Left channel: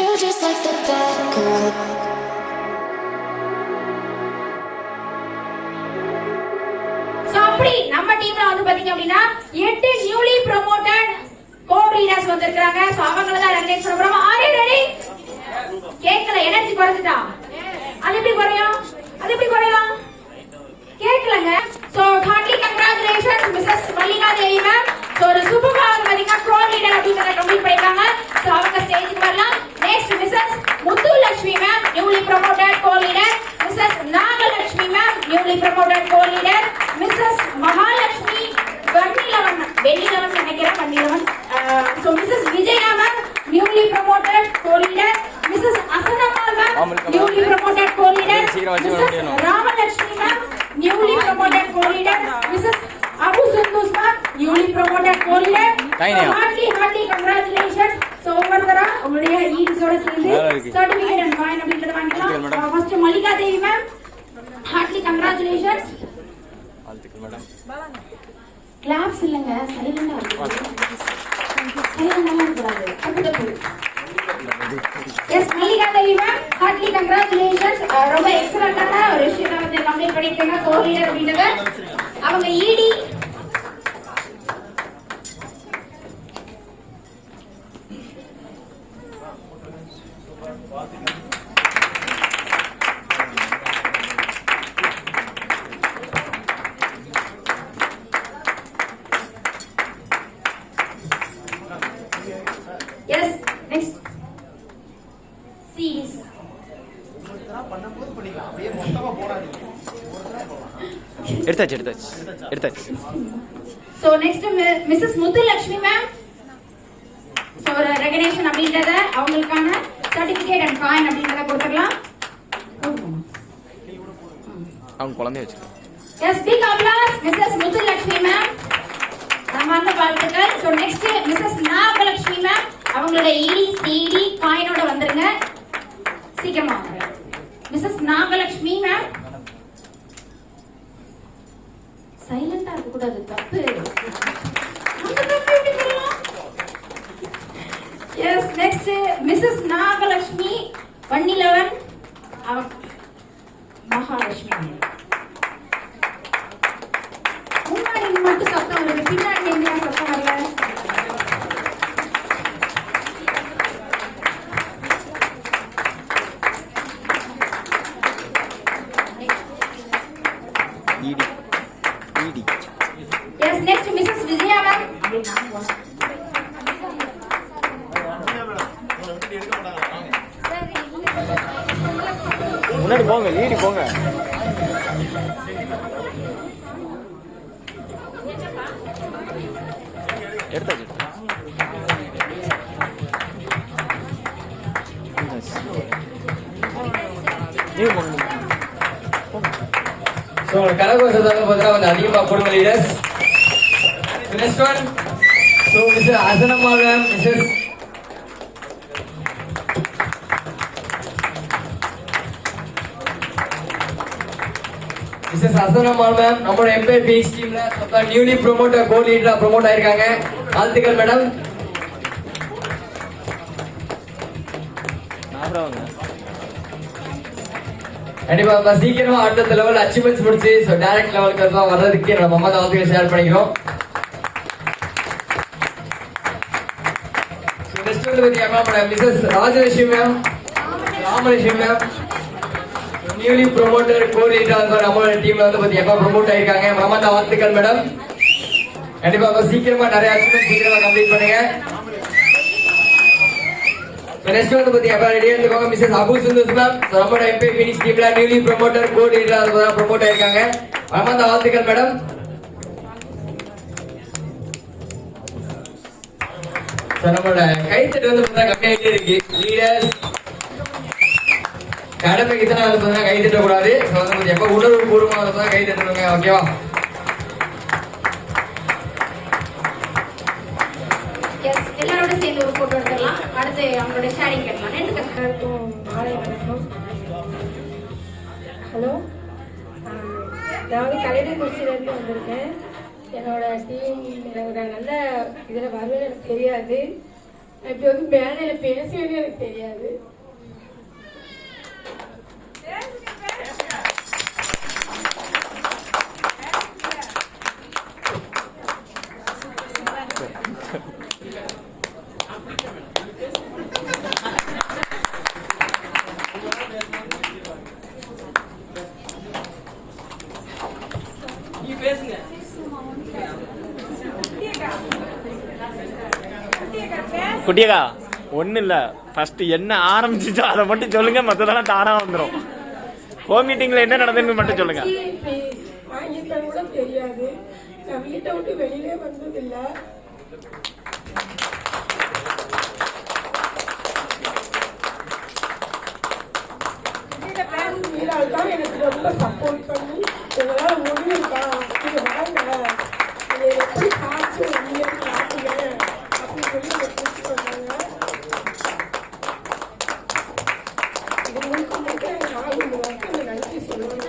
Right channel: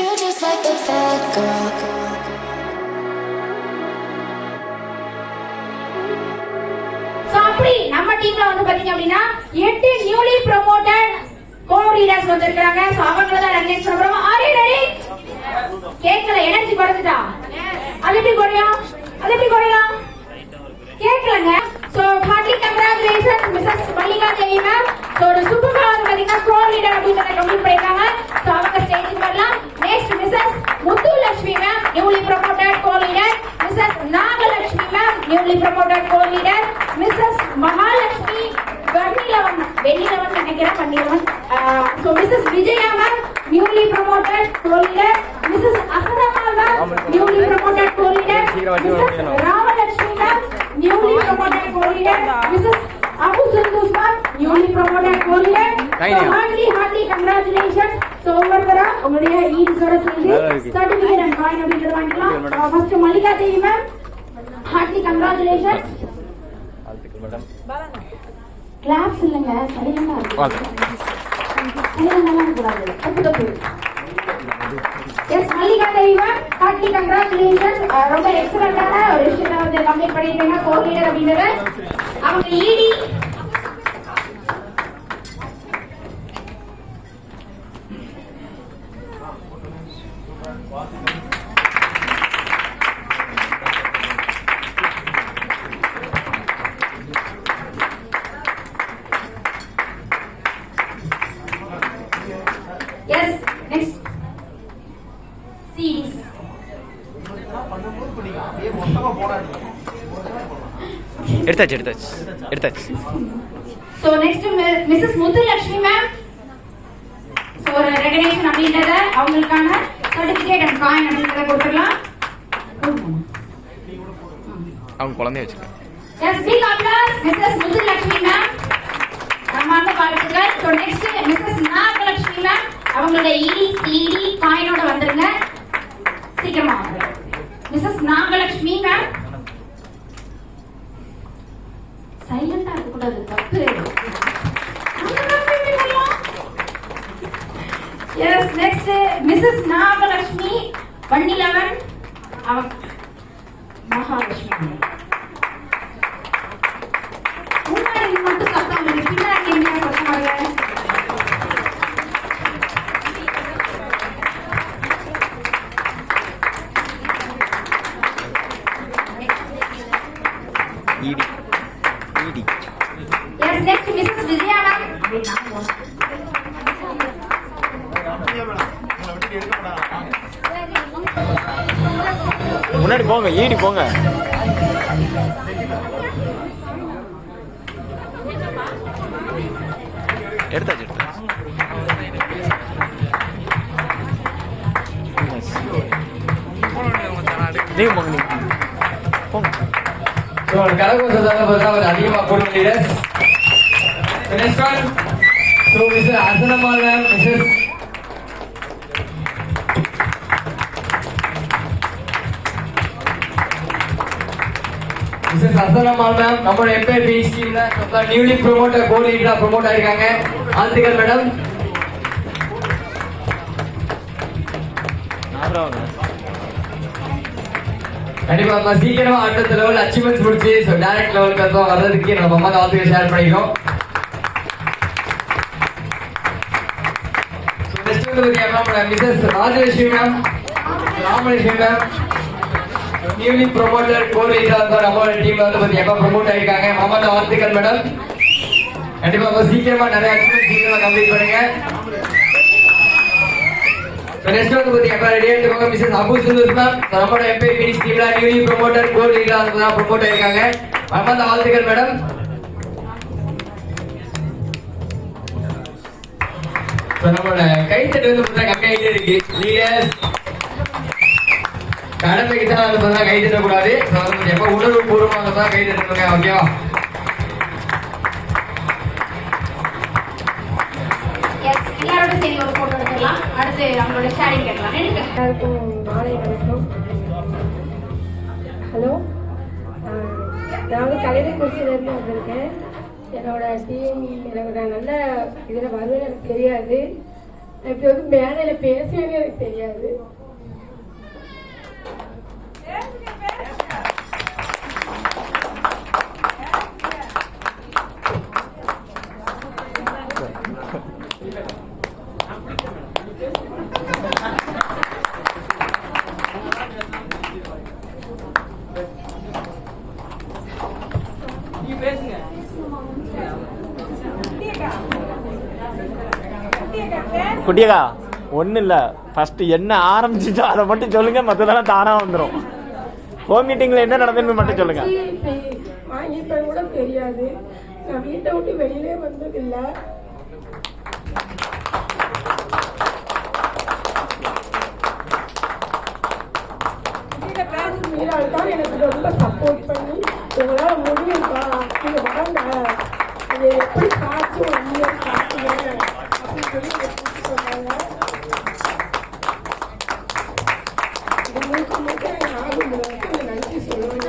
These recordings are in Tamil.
you just like the vodka. அப்படி நம்ம டீம்ல வந்து பாத்தீங்க அப்படின்னா 8 நியூலி ப்ரோமோட்டட் கோ-ரீடர்ஸ் வந்திருக்காங்க. சோ அவங்கள தான் ரெகக்னைஸ் பண்ண போறோம். Are you ready? கேக்கல, எனர்ஜி குறைஞ்சிட்டா. அது எப்படி குறையும்? கேக்கலங்க. So heartily congratulations Mrs Mallika Devi ma'am. So ஒரு சூப்பர் பவர் பாத்தீங்கன்னா கோ-ரீடர் அப்படிங்கறத கம்ப்ளீட் பண்ணிருக்காங்க. சோ அவங்க ஸ்டேஜுக்கு வரலாம். Next Mrs Muthulakshmi ma'am, newly promoted co-leader. Mrs Nagalakshmi ma'am, newly promoted co-leader. Mrs Mahalakshmi வெள்ளிலவன் நினைக்கிறேன் பன்னீரவன். So Mrs Vijaya ma'am, newly promoted co-leader. Mrs அசரமா ma'am, newly promoted co-leader. Mrs Ramalakshmi ma'am, newly promoted co-leader. Mrs Abu Sundus ma'am, newly promoted co-leader. Heartily congratulation. So ஒவ்வொருத்தரா உங்களுடைய ஈட்ஸோட சேர்ந்து சர்டிபிகேட் அண்ட் காயின் அப்படிங்கறது வாங்கிக்கலாம். First Mallika Devi ma'am, heartily congratulation. Claps இல்லங்க, சைலண்டா இருக்கு. சைலண்டா கூடாது. தப்பு. Yes Mallika Devi ma'am, heartily congratulations. ரொம்ப எக்ஸலென்ட்டான ஒரு விஷயத்தை வந்து கம்ப்ளீட் பண்ணிருக்கீங்க கோ-ரீடர் அப்படிங்கறது. அவங்க ஈடி Yes, next. Series. எடுத்தாச்சு. So next Mrs. Muthulakshmi ma'am. So recognition அப்படிங்கறத அவங்களுக்கான certificate and coin அப்படிங்கறத கொடுத்துடலாம். அவங்க குழந்தைய வச்சிருக்காங்க. Yes, big applause Mrs. Muthulakshmi ma'am. நம்மால வாழ்த்துக்கள். So next Mrs. Nagalakshmi ma'am, அவங்களோட ஈடி சிடி காயினோட வந்துருங்க சீக்கிரமா. Mrs. நாகலட்சுமி ma'am, சைலண்டா இருக்க கூடாது, தப்பு. Yes, next Mrs. Nagalakshmi வன்னிலவன், Mahalakshmi. முன்னாடி மட்டும் சத்தம் வருது, பின்னாடி என்ன சத்தம் வருது? Yes, next Mrs. Vijaya ma'am. முன்னாடி போங்க, ஈடி போங்க. எடுத்தாச்சு. நீங்க போங்க. So கரகோஷத்தாங்க பார்த்தா கொஞ்சம் அதிகமாக போடுங்க leaders. Next one. So Mr. Asanammal ma'am, Mrs. Asanammal ma'am, நம்மளோட எம்பையர் பீச் டீம்ல நம்ம நியூலி ப்ரோமோட்டர் கோ-லீடரா ப்ரோமோட் ஆயிருக்காங்க. வாழ்த்துக்கள் மேடம். கண்டிப்பா நம்ம சீக்கிரமா அடுத்த லெவல் அச்சீவ்மெண்ட்ஸ் முடிச்சு டைரக்ட் லெவலுக்கு தான் வர்றதுக்கு நம்ம அம்மா வாழ்த்துக்கள் ஷேர் பண்ணிக்கிறோம். நெக்ஸ்ட் வந்து பாத்தீங்கன்னா Mrs Rajalakshmi ma'am, Ramalakshmi ma'am, newly promoter கோ-லீடரா நம்மளோட டீம்ல வந்து பாத்தீங்கன்னா ப்ரோமோட் ஆயிருக்காங்க. மாமா தான் வாழ்த்துக்கள் மேடம். கண்டிப்பா சீக்கிரமா நிறைய அச்சீவ்மெண்ட் சீக்கிரமா கம்ப்ளீட் பண்ணுங்க. நெக்ஸ்ட் வந்து பாத்தீங்கன்னா ரெடி ஆயிடுவாங்க மிஸ்ஸஸ் அபு சுந்தூஸ் மேம், நம்மளோட எம்பையர் பீச் டீம்ல நியூலி ப்ரோமோட்டர் கோ-லீடரா ப்ரோமோட் ஆயிருக்காங்க. மாமா தான் வாழ்த்துக்கள் மேடம். நம்மளோட கைத்தட்டு வந்து பார்த்தா கம்மியாகிட்டே இருக்கு. லீடர்ஸ் கடமைக்கு தான் வந்து பார்த்தா கை தட்டக்கூடாது. எப்ப உணர்வு பூர்வமாக வந்து கை தட்டணுங்க. ஓகேவா? எல்லாரோட சேர்ந்து ஒரு போட்டோ எடுத்துக்கலாம். அடுத்து நம்மளோட ஷேரிங் கேட்கலாம். எல்லாருக்கும் மாலை வணக்கம். ஹலோ, நான் வந்து கலைஞர்குறிச்சியிலேருந்து வந்திருக்கேன். என்னோட டீம் என்னோட நல்ல இதில் வருவேன்னு எனக்கு தெரியாது. இப்ப வந்து மேடையில பேசுவேன்னு எனக்கு தெரியாது. குட்டியக்கா ஒன்றும் இல்லை, ஃபர்ஸ்ட் என்ன ஆரம்பிச்சிச்சோ அதை மட்டும் சொல்லுங்க, மற்றதெல்லாம் தானாக வந்துடும். ஹோம் மீட்டிங்கில் என்ன நடந்ததுன்னு மட்டும் சொல்லுங்க. வாங்கிப்பேன் கூட தெரியாது. நான் வீட்டை விட்டு வெளியிலே வந்ததில்லை. மீரால் தான் எனக்கு ரொம்ப சப்போர்ட் பண்ணி எங்களால் முடியும்ப்பா, நீங்க வாங்க, இதை எப்படி காய்ச்சி ஒன்றிய காட்டுங்க அப்படின்னு சொல்லி இதை கூப்பிட்டு சொன்னாங்க. இது முழுக்க முழுக்க என் ஆளும் இந்த நன்றி சொல்லுவாங்க.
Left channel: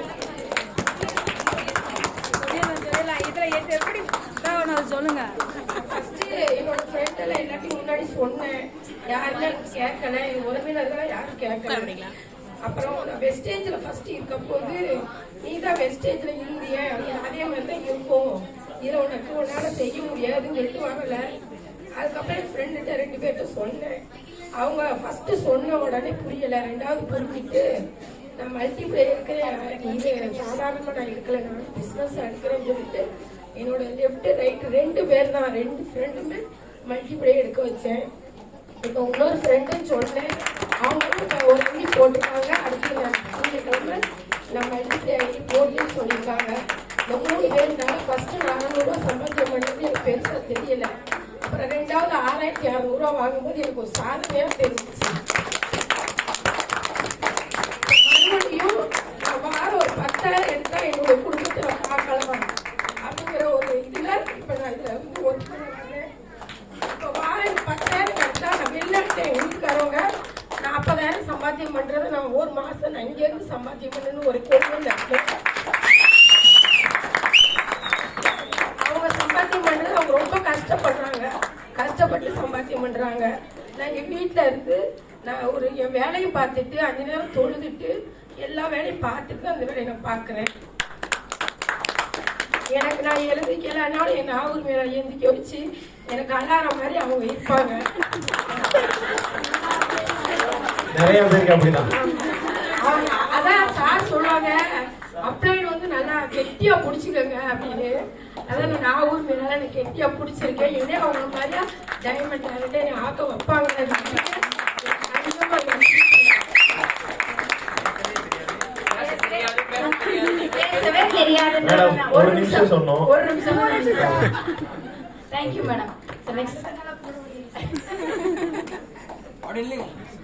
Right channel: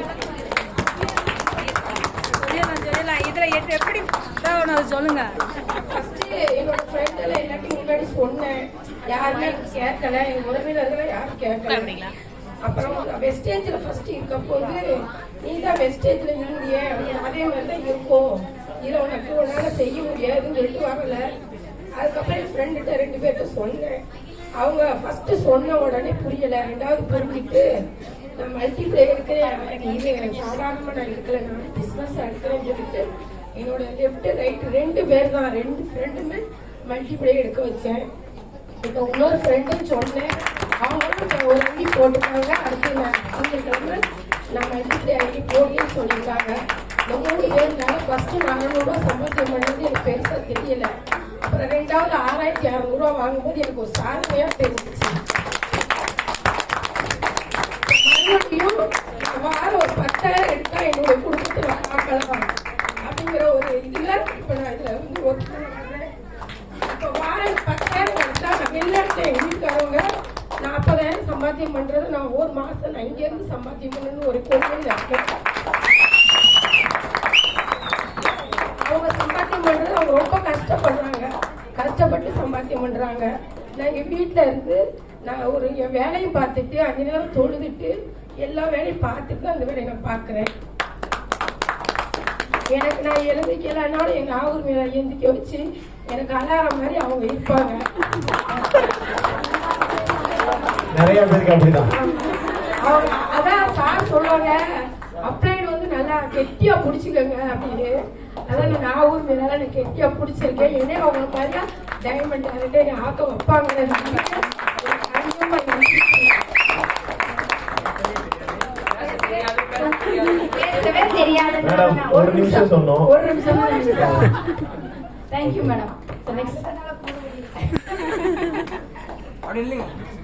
இதுல எப்படி சொல்லுங்க. என்னோட ஃப்ரெண்ட் எல்லாம் எல்லாத்தையும் முன்னாடி சொன்னேன், யாருமே கேட்கல, என் உறவினர்கள் யாரும் கேட்கல. அப்புறம் வெஸ்டேஜ்ல ஃபர்ஸ்ட் இருக்கும் போது நீ தான் வெஸ்டேஜ்ல இருந்திய, அதே மாதிரி தான் இருக்கும், இதை உனக்கு உன்னால செய்ய முடியாதுன்னு சொல்லிட்டு வரல. அதுக்கப்புறம் என் ஃப்ரெண்டுகிட்ட 2 பேர்கிட்ட சொன்னேன். அவங்க ஃபர்ஸ்ட் சொன்ன உடனே புரியல, 2வது புரிஞ்சுட்டு நான் மல்டிப்ளே எடுக்கிறேன், இது சாதாரணமா நான் எடுக்கல, நான் பிஸ்னஸ் எடுக்கிறேன்னு சொல்லிட்டு என்னோட லெஃப்ட் ரைட் 2 பேர் தான், 2 ஃப்ரெண்டுமே மல்டிப்ளே எடுக்க வச்சேன். இப்போ இன்னொரு ஃப்ரெண்டுன்னு சொன்னேன், அவங்களும் ஒரு ஐடி போட்டுருக்காங்க. அடுத்து நான் மல்டிப்ளே ஐடி போடலன்னு சொல்லியிருக்காங்க. இந்த 3 பேருனால ஃபர்ஸ்ட் 400 ரூபா சம்பளம் பண்ணது எனக்கு பெருசா தெரியல. அப்புறம் 2வது 6600 ரூபா வாங்கும்போது எனக்கு ஒரு சாதனையா தெரிஞ்சிச்சு. மறுபடியும் வாரம் ஒரு 10,000 எடுத்தா என்னுடைய குடும்பத்தை நான் பார்க்கலாம் அப்படிங்கிற ஒரு இதுல இப்ப நான் இதுல வந்து ஒத்துக்கிறேன். இப்ப வாரம் 10,000 எடுத்தா நான் வெளிநாட்டுல வீட்டுக்காரவங்க 40,000 சம்பாத்தியம் பண்றது நான் ஒரு மாசம் நான் இங்க இருந்து சம்பாத்தியம் பண்ணணும்னு ஒரு கொள்கை இருக்கேன். அவங்க சம்பாத்தியம் பண்றது அவங்க ரொம்ப கஷ்டப்படுறாங்க, கஷ்டப்பட்டு சம்பாத்தியம் பண்றாங்க. நான் எங்க வீட்டுல இருந்து நான் ஒரு என் வேலையும் பார்த்துட்டு 5 நேரம் தொழுதுட்டு எல்லா வேலையும் பார்த்துட்டு அந்த வேலையை நான் பாக்குறேன். எனக்கு நான் எழுந்திக்கலனாலும் என் நாகூர் மேல எழுந்திக்க வச்சு எனக்கு அலாரம் மாதிரி அவங்க இருப்பாங்க. நிறைய பேருக்கு அப்படிதான். அவங்க அதான் சார் சொல்லுவாங்க, அப்ளைன் வந்து நல்லா கெட்டியா பிடிச்சிக்கோங்க அப்படின்னு. அதான் நான் நாகூர் மேல நான் கெட்டியா பிடிச்சிருக்கேன். ஏன்னா அவங்க மாதிரியா டைமண்ட் ஆகிட்டு என்னை ஆக்க வைப்பாங்க. மேடம் ஒரு நிமிஷம் சொன்னோம். ஒரு நிமிஷம். Thank you madam.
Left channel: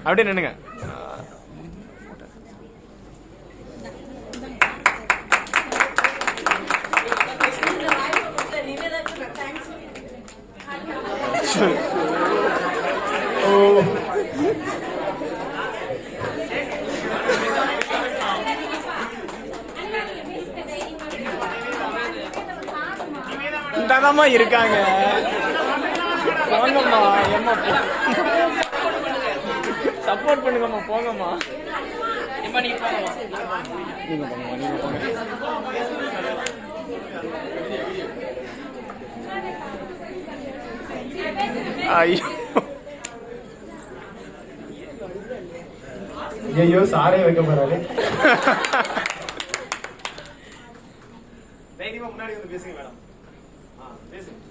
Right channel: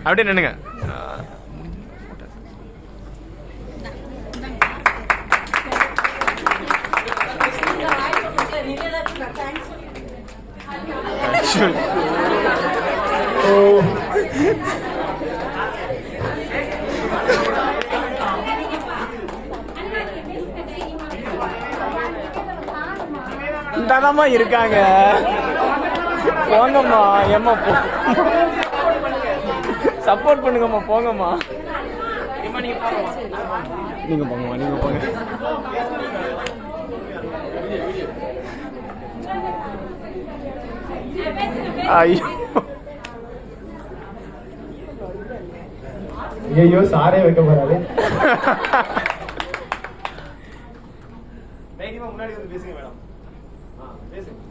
அப்படியே நின்னுங்க. இந்தாதாம்மா இருக்காங்க, போங்கம்மா. ஏம்மா போ, சப்போர்ட் பண்ணுங்கம்மா, போங்கம்மா. நீங்க போங்கம்மா, நீங்க போங்க. ஐயோ ஐயோ சாரே வைக்க போறாரு.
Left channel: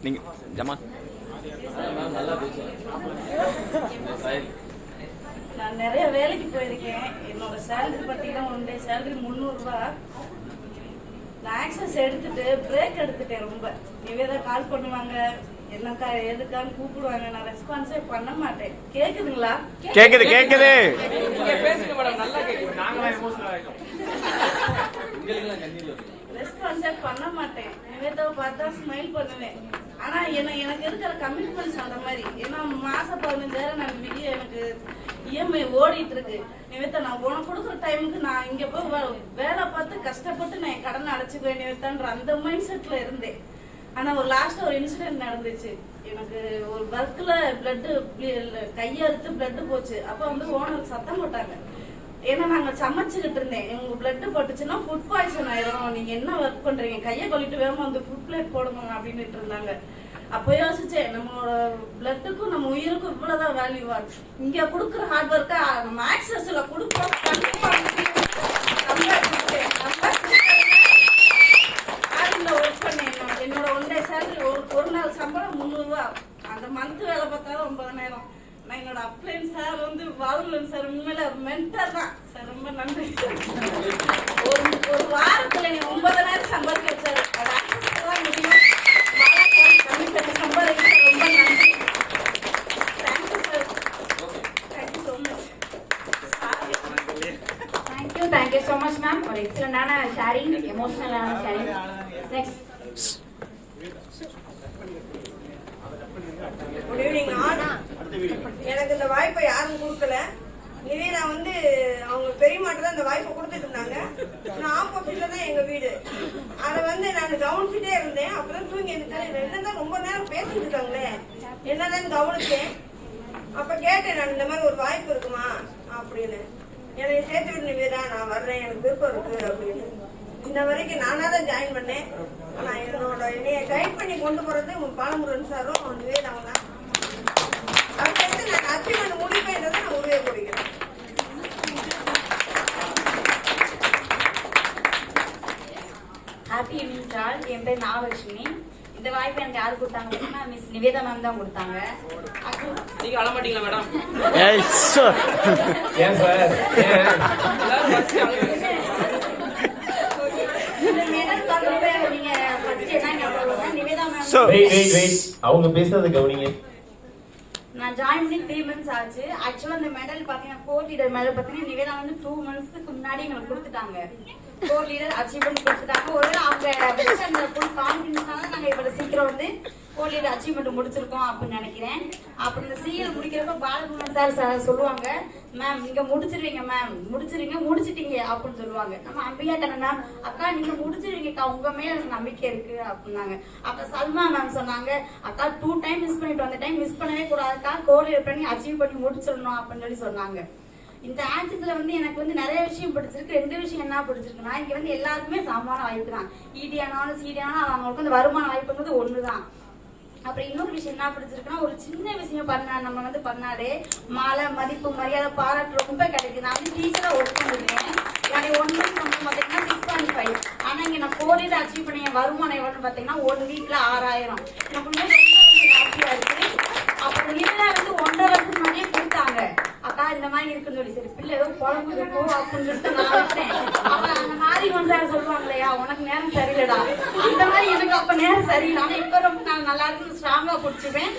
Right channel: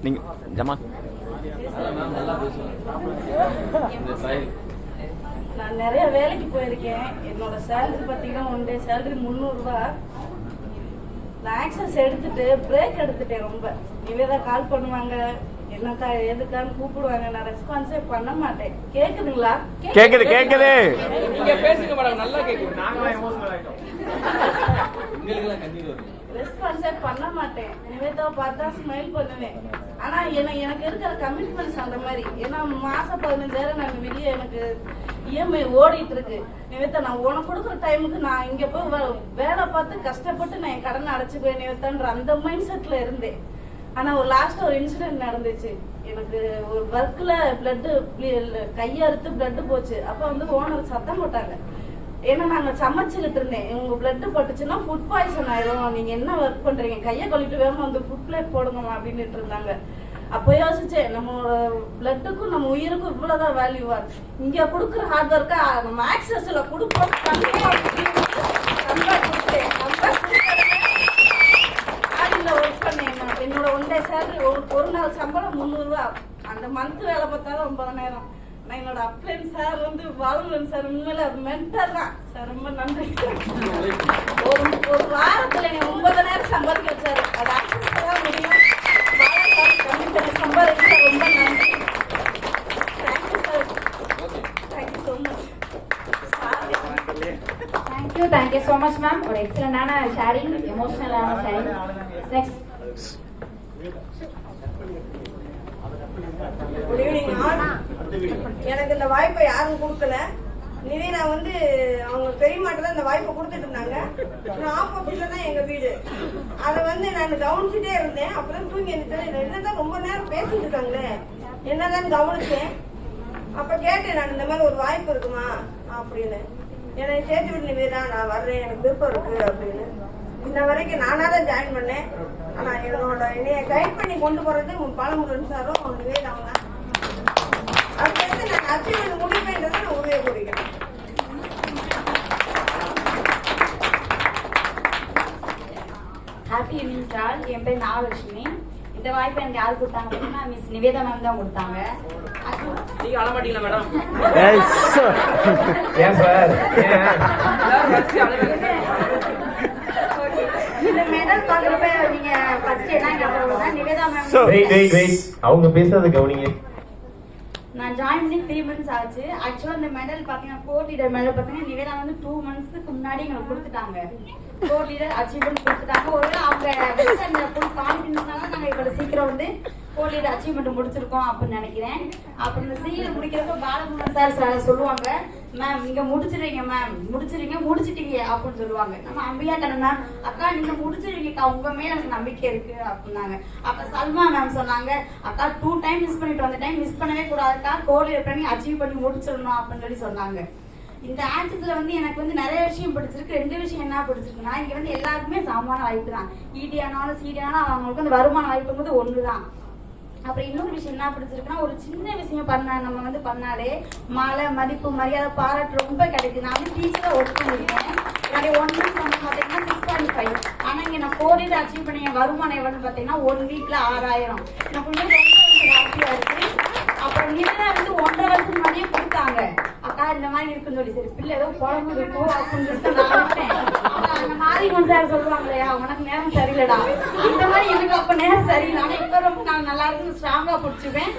நீங்க ஜமா நான் நிறைய வேலைக்கு போயிருக்கேன். என்னோட சேலரி பார்த்தீங்கன்னா 1 டே சேலரி 300 ரூபா. நான் ஆக்சஸ் எடுத்துட்டு பிரேக் எடுத்துட்டேன். ரொம்ப நிவேதா கால் பண்ணுவாங்க, என்னக்கா எதுக்கான்னு கூப்பிடுவாங்க, நான் ரெஸ்பான்ஸே பண்ண மாட்டேன். கேக்குதுங்களா? கேக்குது கேக்குது. ரெஸ்பான்ஸே பண்ண மாட்டேன். நிவேதாவை பார்த்தா ஸ்மைல் பண்ணுவேன். ஆனா எனக்கு இருக்கிற கமிட்மெண்ட்ஸ் அந்த மாதிரி. ஏன்னா மாசம் 15,000 நான் வெளியே எனக்கு இஎம்ஐ ஓடிட்டு இருக்கு. நிவேதா நான் உனக்கு கொடுக்குற டைமுக்கு நான் இங்க போய் வேலை பார்த்து கஷ்டப்பட்டு நான் என் கடனை அடைச்சுக்குவேன் நிவேதான்ற அந்த மைண்ட் செட்ல இருந்தேன். ஆனா ஒரு லாஸ்ட் ஒரு இன்சிடென்ட் நடந்துச்சு. எனக்கு ஒரு ஒர்க்ல பிளட் கையறுத்து பிளட் போச்சு. அப்ப வந்து ஓனர் சத்தம் போட்டாங்க. ஏன்னா நாங்க சமைச்சுக்கிட்டு இருந்தேன், உங்க பிளட் பட்டுச்சுன்னா ஃபுட் பாய்சன் ஆயிரும், நீங்க என்ன ஒர்க் பண்றீங்க, கையை கழுவிட்டு வேணும் வந்து ஃபுட் பிளேட் போடுங்க அப்படின்ட்டு இருந்தாங்க. அப்போ யோசிச்சேன், நம்மளோட பிளட்டுக்கும் நம்ம உயிருக்கும் இவ்வளவுதான் வேல்யூவா இருக்கு. இங்க கொடுக்குற ஹார்ட் ஒர்க்கா நம்ம ஆக்சஸ்ல கொடுப்போம். கண்டிப்பா ஒர்க் பண்ணேன். என்னோட ஒன் டே சேலரி ஒரு நாள் சம்பளம் 300 ரூபா. அந்த மந்த் வேலை பார்த்தாலும் 9,000. நான் என்னோட அப்ளைன் சார் வந்து பாலமுருகன் சார் உண்மையில மென்டர் தான் சார். ரொம்ப நன்றி சார். ஒரு வாரத்துல நீங்க 9,000 சம்பாதிக்க வச்சாரு. அது ஆக்சஸ் தான் முடியும். கண்டிப்பா சம்பாதிக்க ரொம்ப நன்றி. Thank you sir. Thank you so much. Thank you so much ma'am. ஒரு எக்ஸலண்டான ஷேரிங், எமோஷனலான sharing. Next. Good evening all. எனக்கு இந்த வாய்ப்பை யாரும் கொடுக்கல. நிவேதா வந்து அவங்க பெரியமாட்ட தான் இந்த வாய்ப்பை கொடுத்துட்டு இருந்தாங்க. நான் ஆப்போசிட்ல தான் எங்க வீடு. அதை வந்து நான் கவனிச்சுட்டே இருந்தேன். அப்பதான் தூங்கி இருந்துட்டேன். என்னதான் ரொம்ப நேரம் பேசிட்டு இருக்காங்களே என்னதான் கவனிச்சேன். அப்ப கேட்டேன் நான், இந்த மாதிரி ஒரு வாய்ப்பு இருக்குமா அப்படின்னு. என்னை சேர்த்து விட்டு நிவேதா, நான் வர்றேன், எனக்கு விருப்பம் இருக்கு அப்படின்னு. இன்ன வரைக்கும் நானா தான் ஜாயின் பண்ணேன். ஆனா என்னைய கைட் பண்ணி கொண்டு போறது பாலமுருகன் சாரும் நிவேதாவும் தான். அதுக்கு நான் அச்சீவ்மெண்ட் முடியுமேன்றதை நான் உறுதியை கூறுகிறேன். Happy evening sir. என் பேர் நாகலட்சுமி. இந்த வாய்ப்பு எனக்கு யார் கொடுத்தாங்க அப்படின்னா மிஸ் நிவேதா மேம் தான் கொடுத்தாங்க. நீங்க வர மாட்டீங்களா மேடம்? ஏன் சார்? இந்த மெடல் பார்க்குறப்ப நீங்க ஃபர்ஸ்ட் என்ன நிவேதா மேம். வெயிட் அவங்க பேசுறது கவனிங்க. நான் ஜாயின் பண்ணி 3 months ஆச்சு. ஆக்சுவலா இந்த மெடல் பாத்தீங்கன்னா கோர் லீடர் மெடல் பாத்தீங்கன்னா நிவேதா வந்து 2 monthsக்கு முன்னாடி எங்களுக்கு கொடுத்துட்டாங்க. கோர் லீடர் அச்சீவ்மெண்ட் கொடுத்துட்டாங்க. ஒரு அவங்க அந்த ஃபுல் கான்ஃபிடன்ஸ்னால நாங்க இவ்வளவு சீக்கிரம் வந்து கோர் லீடர் அச்சீவ்மெண்ட் முடிச்சிருக்கோம் அப்படின்னு நினைக்கிறேன். அப்புறம் இந்த சீரியல் முடிக்கிறப்ப பாலகுமார் சார் சொல்லுவாங்க, மேம் நீங்க முடிச்சிருவீங்க, மேம் முடிச்சிட்டீங்க அப்படின்னு சொல்லுவாங்க. நம்ம அம்பியா கண்ணா, அக்கா நீங்க முடிச்சிருவீங்கக்கா, உங்க மேல எனக்கு நம்பிக்கை இருக்கு அப்படின்னாங்க. அப்ப சல்மா மேம் சொன்னாங்க, அக்கா 2 time மிஸ் பண்ணிட்டு அந்த டைம் மிஸ் பண்ணவே கூடாதுக்கா, கோர் லீடர் பண்ணி அச்சீவ் பண்ணி முடிச்சிடணும் அப்படின்னு சொல்லி சொன்னாங்க. இந்த ஆக்சஸ்ல வந்து எனக்கு வந்து நிறைய விஷயம் பிடிச்சிருக்கு. 2 விஷயம் என்ன பிடிச்சிருக்குன்னா, இங்க வந்து எல்லாருக்குமே சமமான வாய்ப்பு தான். ஈடியானாலும் சீடியானாலும் அவங்களுக்கு வந்து வருமான வாய்ப்புங்கிறது ஒண்ணுதான். அப்புறம் இன்னொரு விஷயம் என்ன பிடிச்சிருக்குன்னா, ஒரு சின்ன விஷயம் நம்ம வந்து பண்ணாலே மாலை மதிப்பு மரியாதை பாராட்டு ரொம்ப கிடைக்குது. நான் வந்து டீச்சரா ஒர்க் பண்ணிருக்கேன். என்னுடைய 1 month பாத்தீங்கன்னா 6.5. ஆனா இங்க நான் 4 years அச்சீவ் பண்ணி வருமானம் எவ்வளவு பாத்தீங்கன்னா 1 weekல 6,000. எனக்கு ரொம்ப ஹாப்பியா இருக்கு. அப்புறம் நிவேதா வந்து 1.5 வருஷத்துக்கு முன்னாடியே கொடுத்தாங்க, அக்கா இந்த மாதிரி இருக்குன்னு சொல்லி. சரி பிள்ளை ஏதோ குழம்பு இருக்கும் அப்படின்னு சொல்லிட்டு நான் வச்சேன். அப்ப அந்த மாதிரி ஒன்று சார் சொல்லுவாங்க இல்லையா, உனக்கு நேரம் சரியில்லடா, அந்த மாதிரி எனக்கு அப்ப நேரம் சரியில்லை. ஆனா இப்ப ரொம்ப நான் நல்லா இருக்குன்னு ஸ்ட்ராங்கா பிடிச்சிப்பேன்.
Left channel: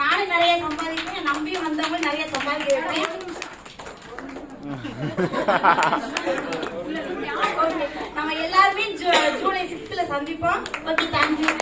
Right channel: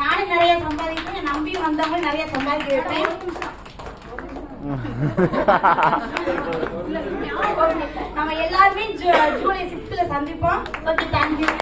நானே நிறைய சம்பாதிப்பேன், நம்பியும் வந்தவங்க நிறைய சம்பாதிக்க வைப்பேன். நம்ம எல்லாருமே ஜூலை 6th சந்திப்போம். Okay, thank you.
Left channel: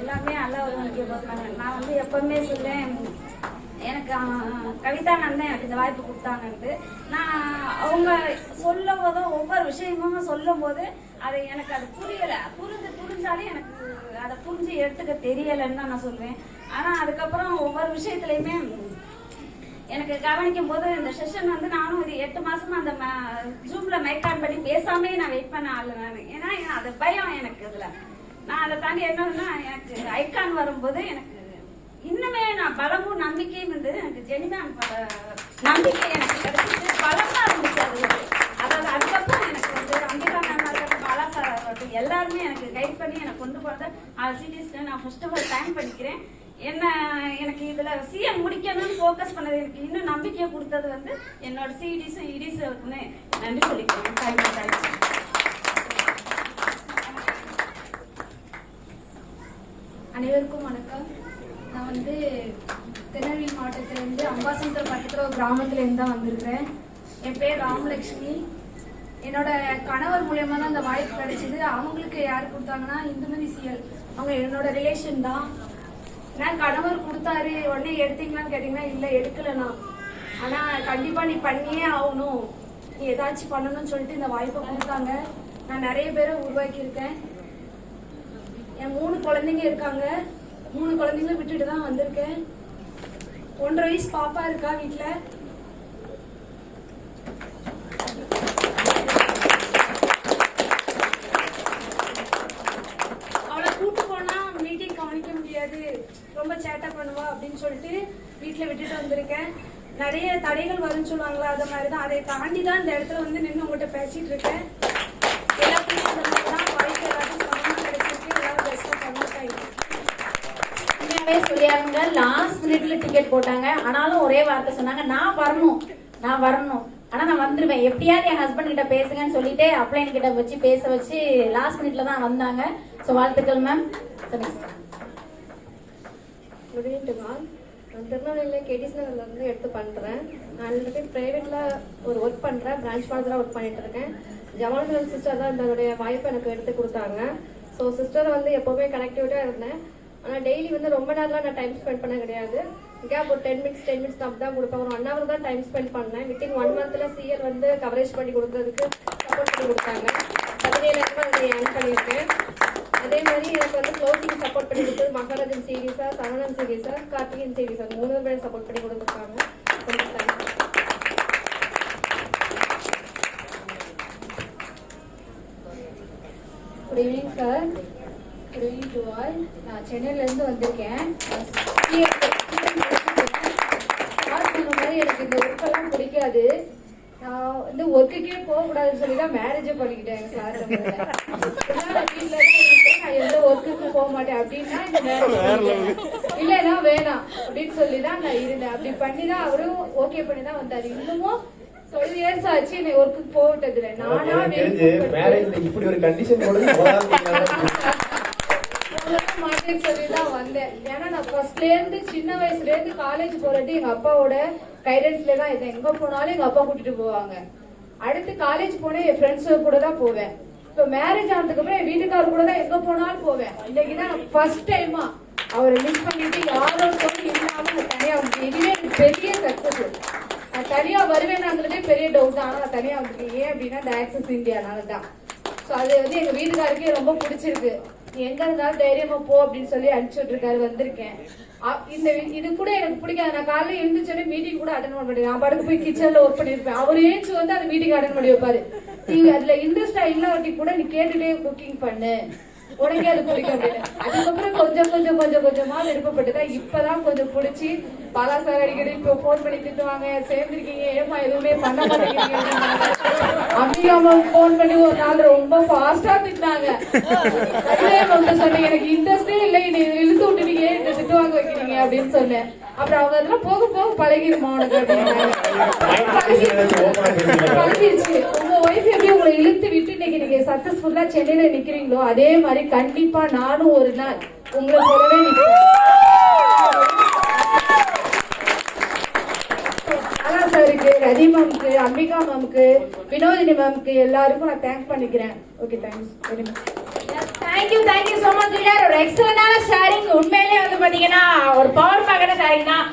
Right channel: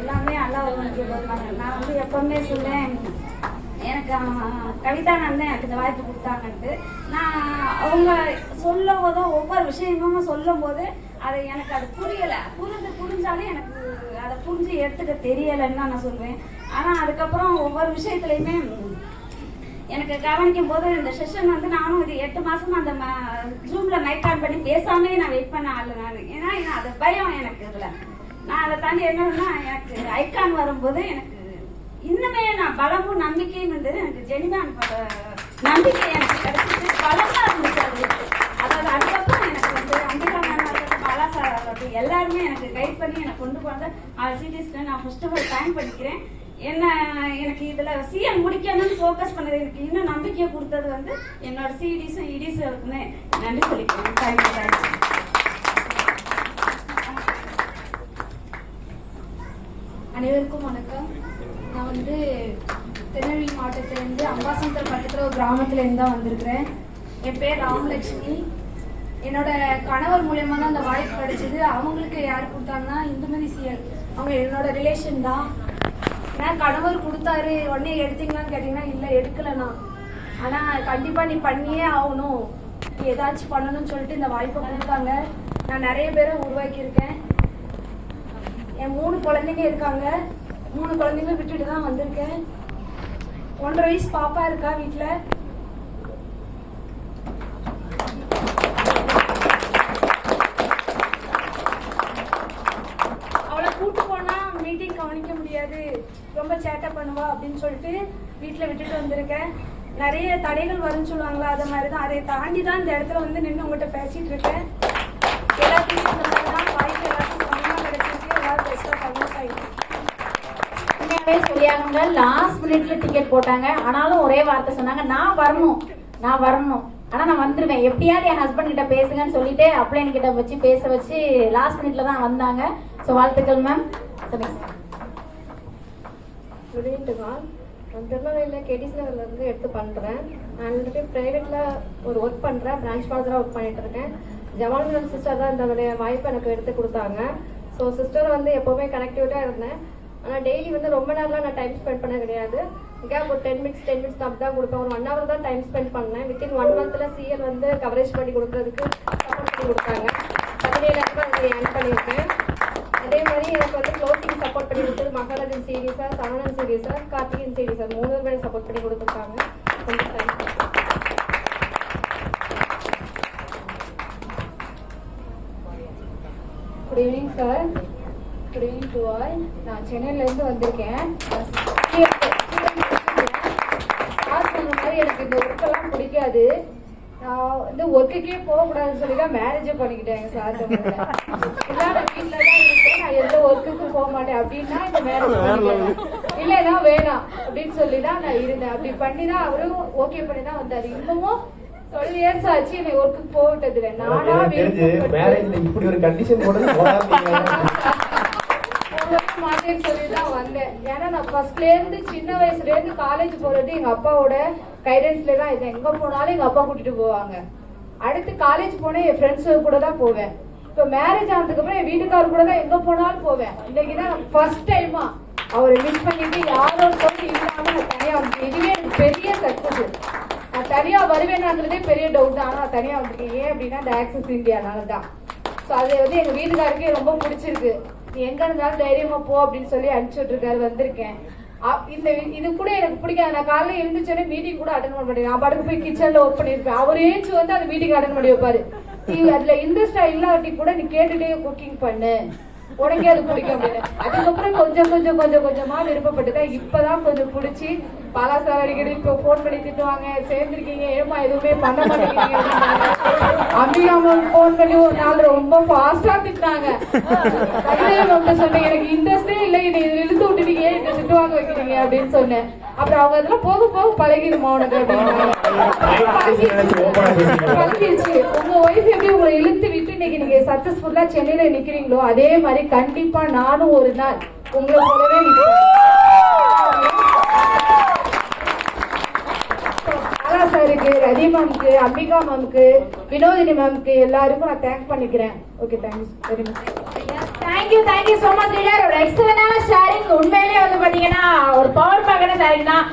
எல்லாமே நல்லா வருவாங்க. நான் வந்து எப்பவுமே சொல்லேன், எனக்கு கவிதா நான் தான் எனக்கு இந்த வாய்ப்பு கொடுத்தாங்கன்ட்டு. நான் அவங்க சொல்லும் போதோ ஒவ்வொரு விஷயமும் சொல்லும் போது அது எனக்கு அது புரியல. புரிஞ்சாலே எனக்கு அதை புரிஞ்சு எடுத்துக்க தெரியலைன்னு தான் நான் சொல்வேன். ஆனா அதுக்கப்புறம் ஒவ்வொரு விஷயத்துலயுமே எனக்கு கவனிக்கும் போது இந்த செஷன் வந்து நானும் இது 8 மாசமா அந்த ஜூம்ல மைக் ஆன் பண்ணி பேசாமே நான் வெயிட் பண்ண ஆளு நான். ஏன்னா அது பயம் எனக்கு. இதுல நான் அதை தாண்டி என்னன்னா, எனக்கு ஐகான் வரும்போது எனக்கு இன்னுமே நான் பலமும் நம்பிக்கையும் இருந்தது. எனக்கு ஜெனிமான் நம்பிக்கை எனக்கு கிடைச்சிட்டு பலமா இருந்துச்சு அது. அதாவது அதுக்கப்புறம் எனக்கு வந்து அம்பிகா மேம் ஆகட்டும், பாலா சார் ஆகட்டும், எல்லாருமே எனக்கு கைட் பண்ணி எனக்கு கொண்டு போனது சிடிஸ்க்கு நான் ஃபர்ஸ்ட் ஆஃப் ஆல் தேங்க் பண்ணிக்கிறேன். எனக்கு இதுல சிஎம் முடிக்கணும்னு ஃபோக்கஸ் பண்ணது எனக்கு இன்னும் நம்பிக்கையை கொடுத்தது வந்து என்னோட சிடிஸும் இடிஸுக்குமே நன்றி சொல்லிக்கிறேன். தேங்க்யூ. அனைவருக்கும் வணக்கம். நான் வந்து திருநெல்வேலி மாவட்டத்திலேருந்து அம்பாசமுத்திரம் பக்கத்தில் ஒரு கிராமத்துலேருந்து தான் வந்திருக்கிறேன். என் பேர் ராமலட்சுமி. என்னோட கணவர் மூலியமா தான் அந்த வாய்ப்பு கிடைச்சது. அவங்களுக்கு யார் கொடுத்தாங்கன்னா இந்துமதி சிஎல், அவங்க என்னோட ரிலேஷன் தான். நான் கணவர் கொடுத்தாரு, உடனே எடுத்தீங்களான்னு கேட்டீங்கன்னா இல்லை எடுக்கலண்ணா. ஆனால் கண்டிப்பாக நீ பண்ணியே ஆகணும், நீ ஏதாச்சும் பண்ணணும்னு சொல்லிட்டு இந்த வாய்ப்பை கொடுத்தாங்க. நான் நிறைய பேரை உருவாக்கியிருக்கேன். என் 3 குழந்தைங்க இருக்காங்க. 3 குழந்தைங்களும் விட்டுட்டு தான் வந்திருக்கேன். 1.5 வயசு பாப்பா இருக்கா வீட்டில். அவளை கூட்டு போனா மீட்டிங் கவனிக்க முடியாது, ரொம்ப சேட்டை பண்ணுவா அப்படின்னு சொல்லிட்டு வீட்டில் விட்டுட்டு வந்திருக்கேன். நிறைய தடைகள் வரும்னு சொல்லுவாங்களா, அது மாதிரி தான். அதை தாண்டி தான் இந்த இடத்துல வந்து நின்று உங்கள்கிட்ட பேசிட்டு இருக்கேன். எல்லாத்தையும் வாய்ப்பு எல்லாத்தையும் சமமாக கிடைச்சிருக்கு. எல்லாரும் பெஸ்ட்டாக கன்வெர்ட் ஆகிடும். உண்மையாவே சொல்லியாங்க, லாஸ்ட் மினிட்ல டிக்கெட் போட்டாங்க. ஆனாலும் ஒரே வார்த்தை சொன்னாங்க, நான் வரணும், ஆனா நான் வந்துருவேன், எப்படியாவது என் ஹஸ்பண்ட் கிட்ட பேசுங்கன்னு சொல்லிட்டு அப்ளைன் கிட்ட வச்சு பேச வச்சு லாஸ்ட் மினிட்ல தான் வந்தாங்க. ஸோ வாழ்த்துக்கள் மேம். சொல்லுங்க. நான் திருநெல்வேலியில் கேடிஸ் நகர்லேருந்து எடுத்து பண்ணுறேன். நான் வந்துட்டு ப்ரைவேட்டில் ஒரு ஒர்க் பண்ணுறேன், பிரான்ச் ஃபாதராக ஒர்க் பண்ணிட்டு இருக்கேன். ஜமால் சிஸ்டர் தான் தன்னுடைய வாய்ப்பை எனக்கு எடுத்து கொடுத்தாங்க. ஸோ சிஸ்டரை வந்து எப்போவுமே கனெக்டிவிட்டாக இருந்தேன். ஆனால் டெய்லி வந்து ரொம்ப நேரம்லாம் நான் டைம் ஸ்பெண்ட் பண்ண கிடையாது. கேப் ஒரு 10 மினிட்ஸ் தான் கொடுப்பேன். ஒரு 1 hour தான் டைம் ஸ்பெண்ட் பண்ணேன். வித்தின் 1 monthல சிஎல் வந்து கவரேஜ் பண்ணி கொடுக்கறதுக்கு சப்போர்ட் பண்ணி கொடுத்தாங்க. 17,000 ஏர்ன் பண்ணியிருக்கேன். அதே மாதிரி எனக்கு வந்து க்ளோசிங் சப்போர்ட் பண்ணி கொடுத்தது Maharajan CD sir, Saravanan CD sir, Karthikan CD sir 3 பேர் சப்போர்ட் பண்ணி கொடுத்துருக்காங்க. ரொம்ப thanks. Good evening sir. Good evening to all. நான் சென்னையிலேருந்து வந்திருக்கேன். சார் சொன்ன மாதிரி எனக்கு இந்த ஒர்க்கெல்லாம் பிடிக்காது. நான் வந்து ஒர்க்குக்கே போகக்கூடாதுன்னு சொல்லி தான் மேரேஜே பண்ணிக்கிட்டேன் சார். வீட்டில் தான் இருக்கேன், நான் எந்த ஒர்க்குக்கும் போக மாட்டேன் அப்படின்னா இந்த மேரேஜ் இல்லைன்னா வேணாம் அப்படின்னு சொல்லி தான் நான் இருந்தேன். அப்படி பண்ணி தான் அவரும் ஓகே பண்ணி தான் வந்தாரு. இன்னமும் 12 years ஆச்சு என்னை ஒர்க்குக்கு போகட்டது இல்லை. நானா இப்படி ஒரு கண்டிஷன் மாட்டேன்னு சொல்லி தான் வந்தேன். ஏன்னா நான் ஃபர்ஸ்ட்லேருந்து சின்ன வயசுலேருந்து காலேஜ் போறது எங்க அப்பாவோட கைடன்ஸ்ல தான் இருந்தேன். எங்க போனாலும் எங்க அப்பா கூட்டிட்டு போவாங்க. அடுத்து காலேஜ் போனேன், என் ஃப்ரெண்ட்ஸ் கூட தான் போவேன். இப்போ மேரேஜ் ஆனதுக்கு அப்புறம் என் வீட்டுக்காரர் கூட தான் எங்க போனாலும் போவேன். இன்னைக்கு தான் நான் ஃபர்ஸ்ட் டைமா அவரை மிஸ் பண்ணிட்டு யாரோட போட்டு இல்லாம நான் தனியா வந்து, இதுவே எனக்கு பெரிய சக்சஸ். நான் தனியா வருவேனான்றதே பெரிய டவுட் தான். ஆனா தனியா வந்துருக்கேன். ஏன் அப்படின்னா இந்த ஆக்சஸ் இந்தியானால தான். ஸோ அது வந்து எங்க வீட்டுக்காரருக்கே ரொம்ப பிடிச்சிருக்கு. நீ எங்க இருந்தாலும் தைரியமா போ அப்படின்னு சொல்லி அனுப்பிச்சுட்டு இருக்காரு. வந்திருக்கேன். இது கூட எனக்கு பிடிக்காது. நான் காலையில எழுந்துச்சோடனே மீட்டிங் கூட அட்டன் பண்ண மாட்டேன். நான் படுக்க போய் கிச்சன்ல ஒர்க் பண்ணிருப்பேன். அவர் ஏச்சு வந்து அந்த மீட்டிங் அட்டன் பண்ணி வைப்பாரு. நீ அதுல இன்ட்ரெஸ்டா இல்லாட்டி கூட நீ கேட்டுட்டே குக்கிங் பண்ணு, உடனே அது பிடிக்க முடியும். அதுக்கப்புறம் கொஞ்சமா விருப்பப்பட்டுதான் இப்பதான் கொஞ்சம் பிடிச்சி பலாசார் அடிக்கடி இப்போ போன் பண்ணி திட்டுவாங்க, சேர்ந்துருக்கீங்க ஏமா எதுவுமே பண்ண மாட்டேங்கிறீங்க அப்படியே போன் பண்ணி ஒரு நாள் ரொம்ப ஃபாஸ்டா திட்டாங்க. சொன்னீங்க எனக்கு இன்ட்ரெஸ்டே இல்லை, இதை இழுத்து விட்டுட்டீங்க, இதை திட்டு வாங்க வைக்கிறீங்க அப்படின்னு சொன்னேன். அப்புறம் அவங்க அதெல்லாம் போக போக பழகிடுமா உனக்கு அப்படின்னு பழகிடுச்சு. உங்க ஒய்ஃப் எப்படி உங்களை இழுத்து விட்டு இன்னைக்கு நீங்க சக்சஸ்ஃபுல்லா சென்னையில நிக்கிறீங்களோ அதே மாதிரி கண்டிப்பா நானும் ஒரு நாள் உங்களை கூடவே நிக்கிறேன். சாருக்கு, ரதி மேம்க்கு, அம்பிகா மேம்க்கு, வினோதினி மேம்க்கு எல்லாருக்கும் நான் தேங்க் பண்ணிக்கிறேன். Okay, thank you very much. Thank you so much leader. ஒரு எக்ஸலண்டான ஷேரிங். உண்மையிலேயே வந்து பாத்தீங்கன்னா ஒரு பவர் பேக்கான ஷேரிங் தான்.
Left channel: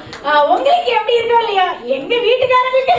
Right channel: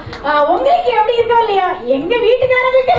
உங்களுக்கு எப்படி இருக்கோ இல்லையோ, எங்க வீட்டுக்காரங்களுக்கு